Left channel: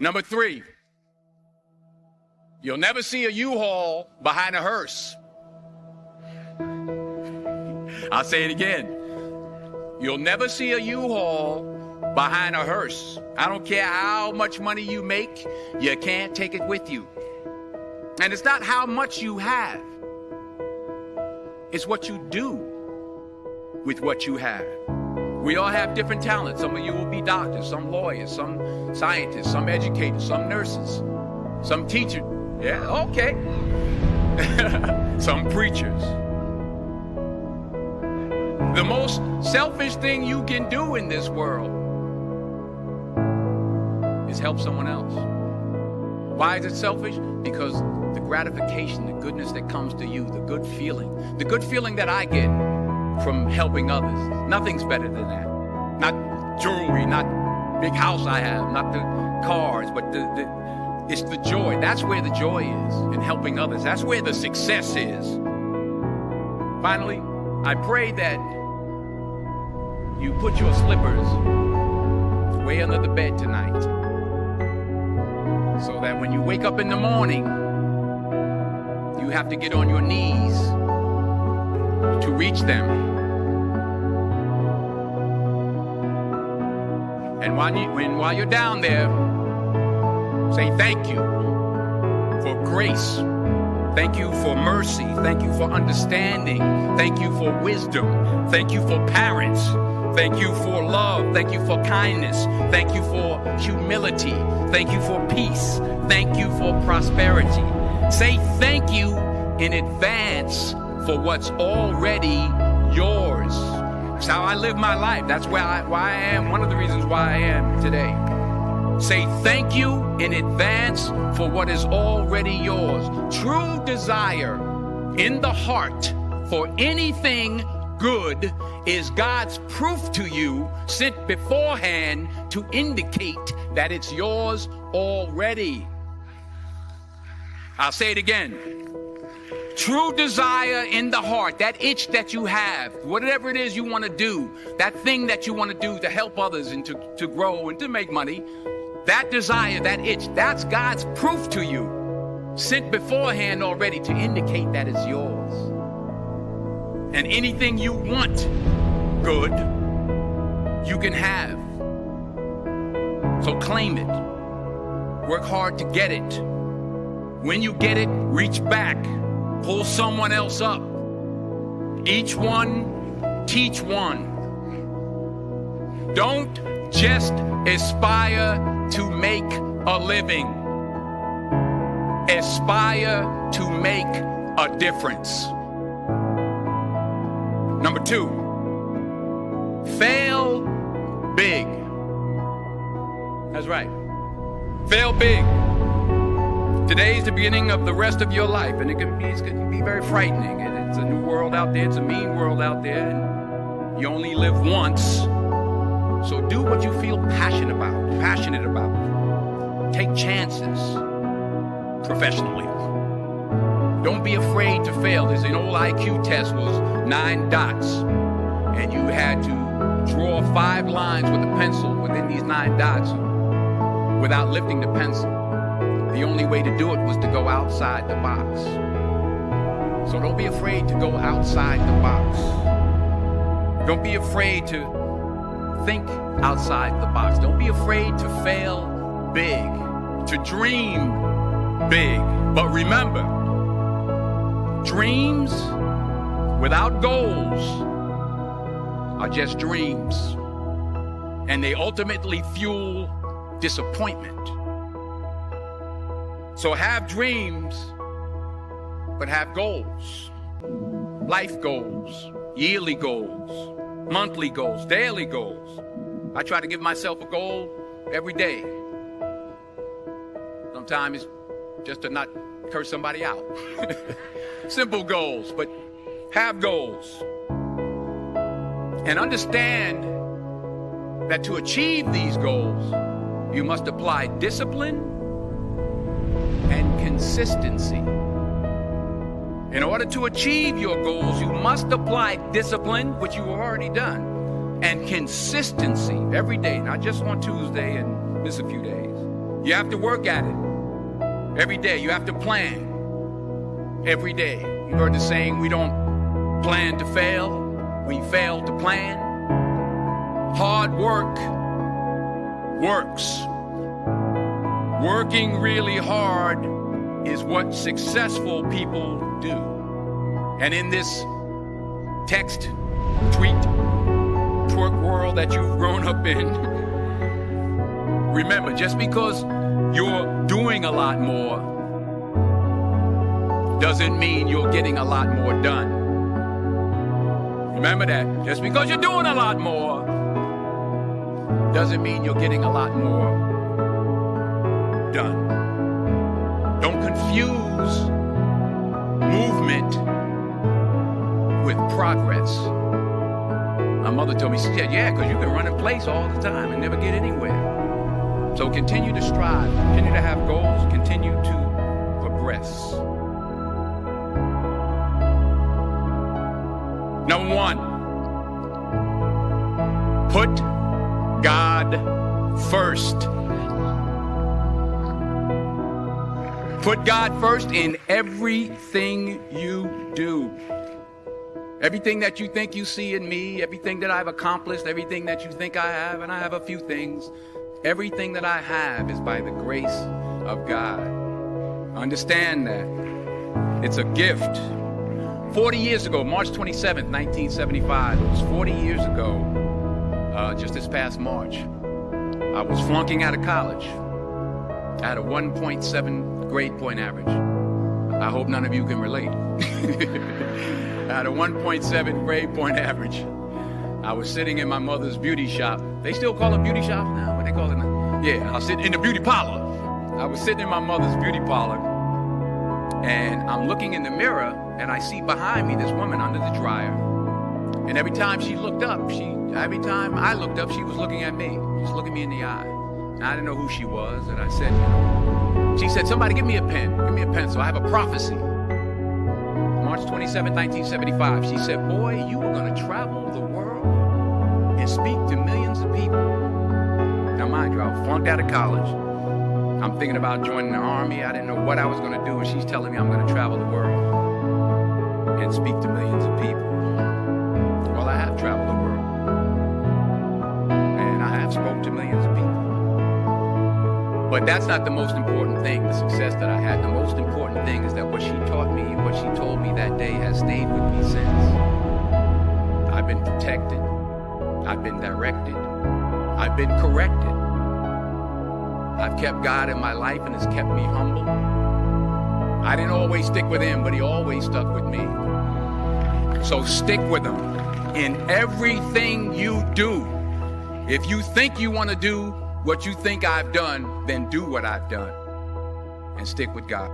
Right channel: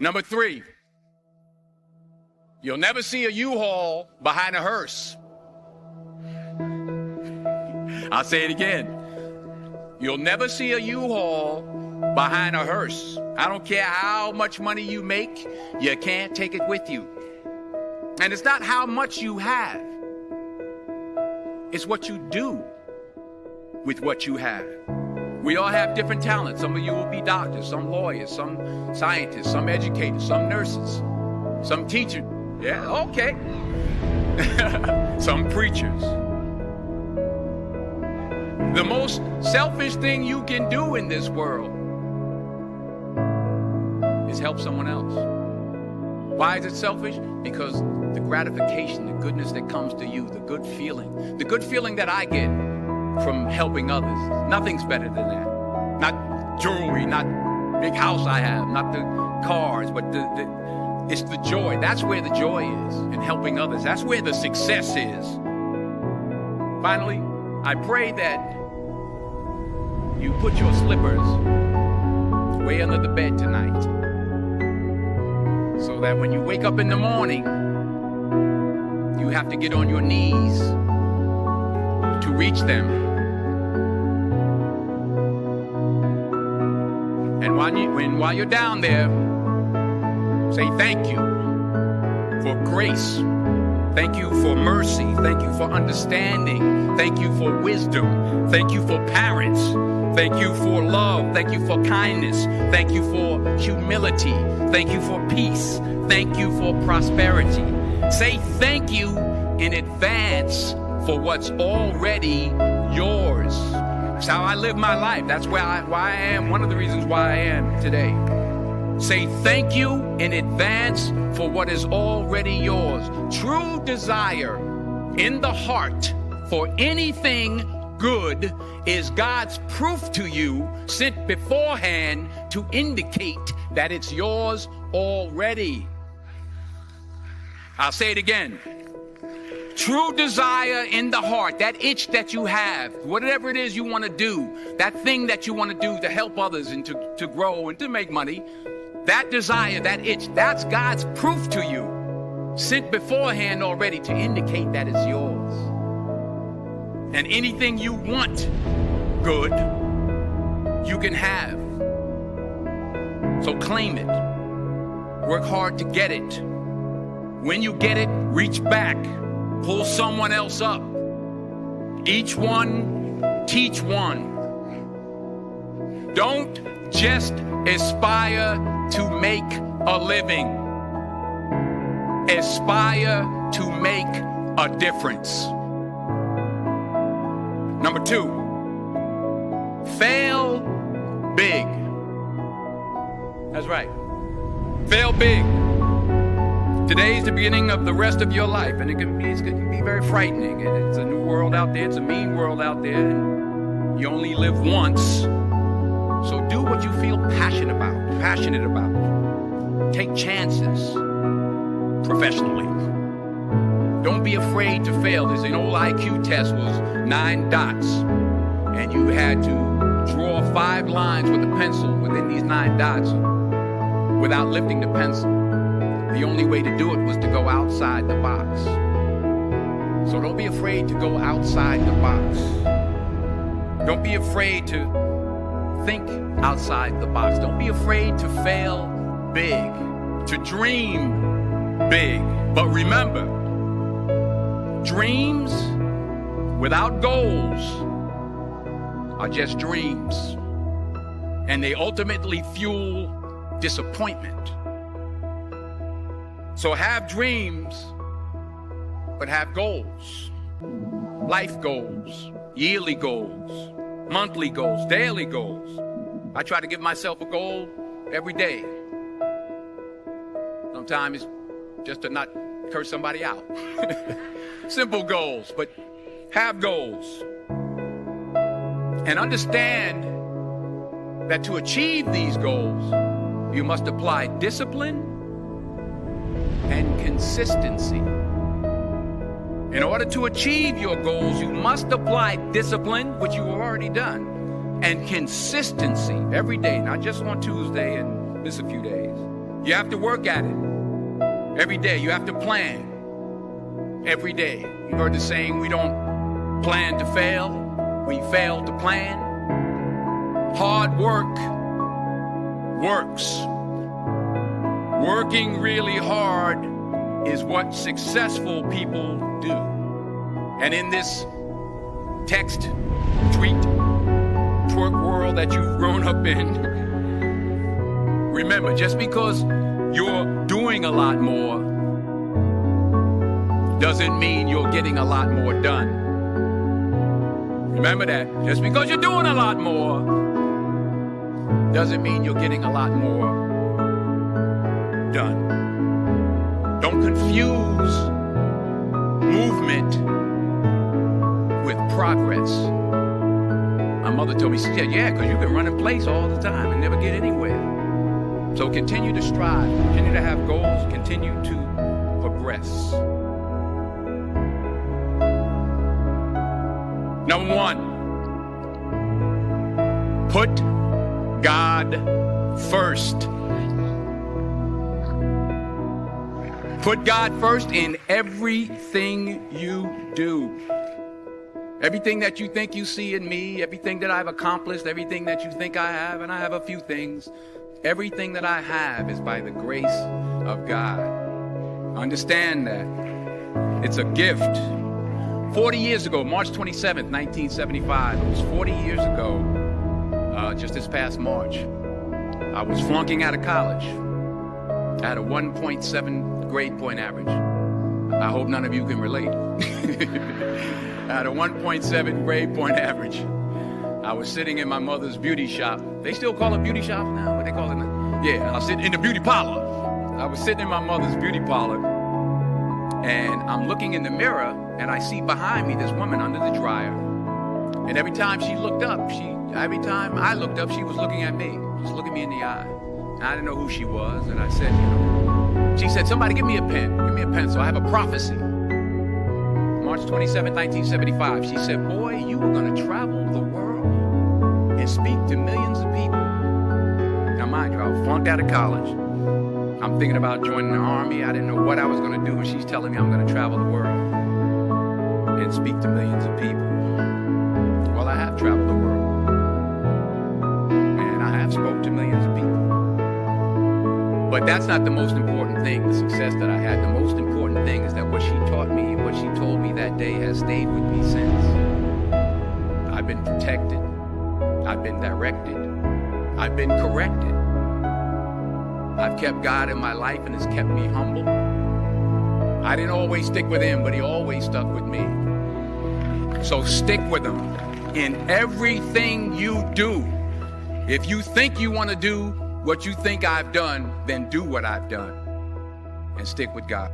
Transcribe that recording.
Number 3, you'll never see a U-Haul behind a hearse. I'll say it again. You'll never see a U-Haul behind a hearse. I don't care how much money you make, you can't take it with you. And it's not how much you have. It's what you do with what you have. We all have different talents. Some of you will be doctors, some lawyers, some scientists, some educators, some nurses, some teachers. Yeah, okay. Some preachers. The most selfish thing you can do in this world is help someone else. Why is it selfish? Because the gratification, the goodness that comes to you, the good feeling that I get from helping others, nothing's better than that. Not jewelry, not big house I have, not the cars, but it's the joy. That's where the joy is, in helping others. That's where the success is. Finally, I pray that you put your slippers way under the bed tonight, so that when you wake up in the morning, you have to get on your knees to reach them. And while you're down there, say thank you for grace. Thank you for mercy. Thank you for understanding. Thank you for wisdom. Thank you for parents. Thank you for love. Thank you for kindness. Thank you for humility. Thank you for peace. Thank you for prosperity. Say thank you in advance for what's already yours. It's how I live my life. That's why I am. One of the reasons why I am today. Say thank you in advance for what is already yours. True desire in the heart for anything good is God's proof to you, sent beforehand to indicate that it's yours already. I'll say it again. True desire in the heart, that itch that you have, whatever it is you want to do, that thing that you want to do to help others and to grow and to make money, that desire, that itch, that's God's proof to you, sent beforehand already to indicate that it's yours. And anything you want good, you can have. So claim it. Work hard to get it. When you get it, reach back. Pull someone else up. Each one, teach one. Don't just aspire to make a living. Aspire to make a difference. Number 2, fail big. That's right. Fail big. Today's the beginning of the rest of your life, and it can be very frightening. It's a new world out there. It's a mean world out there, and you only live once. So do what you feel passionate about. Take chances professionally. Don't be afraid to fail. There's an old IQ test, was 9 dots, and you had to draw 5 lines with a pencil within these 9 dots without lifting the pencil. The only way to do it was to go outside the box. So don't be afraid to go outside the box. Don't be afraid to think outside the box. Don't be afraid to fail big, to dream big. But remember, dreams without goals are just dreams, and they ultimately fuel disappointment. So have dreams, but have goals. Life goals, yearly goals, monthly goals, daily goals. I try to give myself a goal every day. Sometimes it's just to not curse somebody out. Simple goals, but have goals. And understand that to achieve these goals, you must apply discipline and consistency. In order to achieve your goals, you must apply discipline, which you have already done, and consistency every day, not just on Tuesday and miss a few days. You have to work at it every day. You have to plan every day. You've heard the saying, we don't plan to fail, we fail to plan. Hard work works. Working really hard is what successful people do. And in this text, tweet, twerk world that you've grown up in, remember, just because you're doing a lot more doesn't mean you're getting a lot more done. Remember that. Just because you're doing a lot more doesn't mean you're getting a lot more done. Don't confuse movement with progress. My mother told me, she said, yeah, because you can run in place all the time and never get anywhere. So continue to strive, continue to have goals, continue to progress. Number one, put God first. Put God first in everything you do. Everything that you think you see in me, everything that I've accomplished, everything that you think I have, and I have a few things, everything that I have is by the grace of God. Understand that. It's a gift. 40 years ago, March 27th, 1975, it was 40 years ago, just this past March, I was flunking out of college. I had a 1.7 grade point average. I hope none of you can relate. I had a 1.7 grade point average. I was sitting in my mother's beauty shop. They still call it beauty shop now? What they call it now? Yeah, I was sitting in the beauty parlor. I was sitting in my mother's beauty parlor, and I'm looking in the mirror, and I see behind me this woman under the dryer. And every time I looked up, she was looking at me, just looking me in the eye. And I didn't know who she was, and I said, she said, somebody give me a pen. Give me a pencil. I have a prophecy. March 27, 1975. She said, boy, you are going to travel the world and speak to millions of people. Now, mind you, I was flunked out of college. I'm thinking about joining the army. I didn't know what I was going to do, and she's telling me I'm going to travel the world and speak to millions of people. Well, I have traveled the world, and I have spoke to millions of people. But that's not the most important thing, the success that I had. The most important thing is that what she taught me, what she told me that day has stayed with me since. I've been protected. I've been directed. I've been corrected. I've kept God in my life, and it's kept me humble. I didn't always stick with him, but he always stuck with me. So stick with him in everything you do. If you think you want to do what you think I've done, then do what I've done and stick with God.